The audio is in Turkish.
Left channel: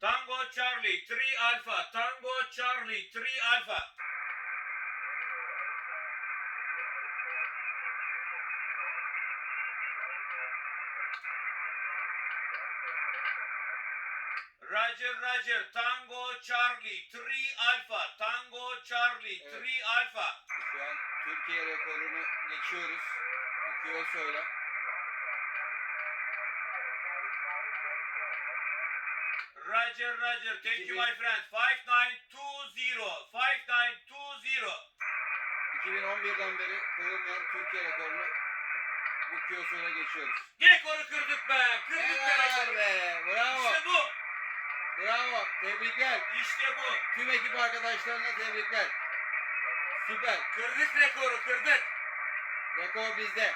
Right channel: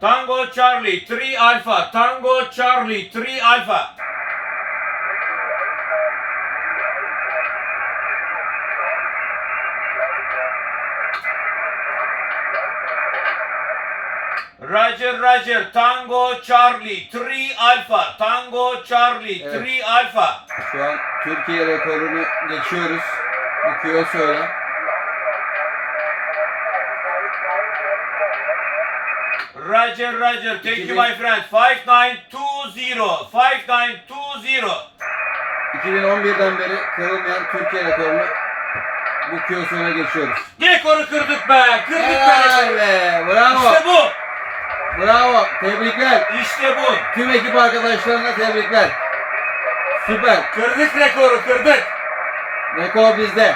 Tango Charlie 3 Alpha. Tango Charlie 3 Alpha. Roger Roger. Tango Charlie 3 Alpha. Tango Charlie Evet. 3 Alpha. Şu an Türkiye rekorunu geçiyoruz. Bu Kiyosa'yla. Roger Roger. Thank you 2000 my friend. 5920. 5920. 2011'den beri kırılmayan Türkiye rekorunu bu Kiyosa'yla geçiyoruz. Rekoru kırdık be. Kırdık be. Helal be. Bravo. İşte bu. Bravo. Tebrikler. İşte bu. Tüm ekip arkadaşlarına tebrikler. Süper. Kırdık rekoru kırdık. Rekor bizde.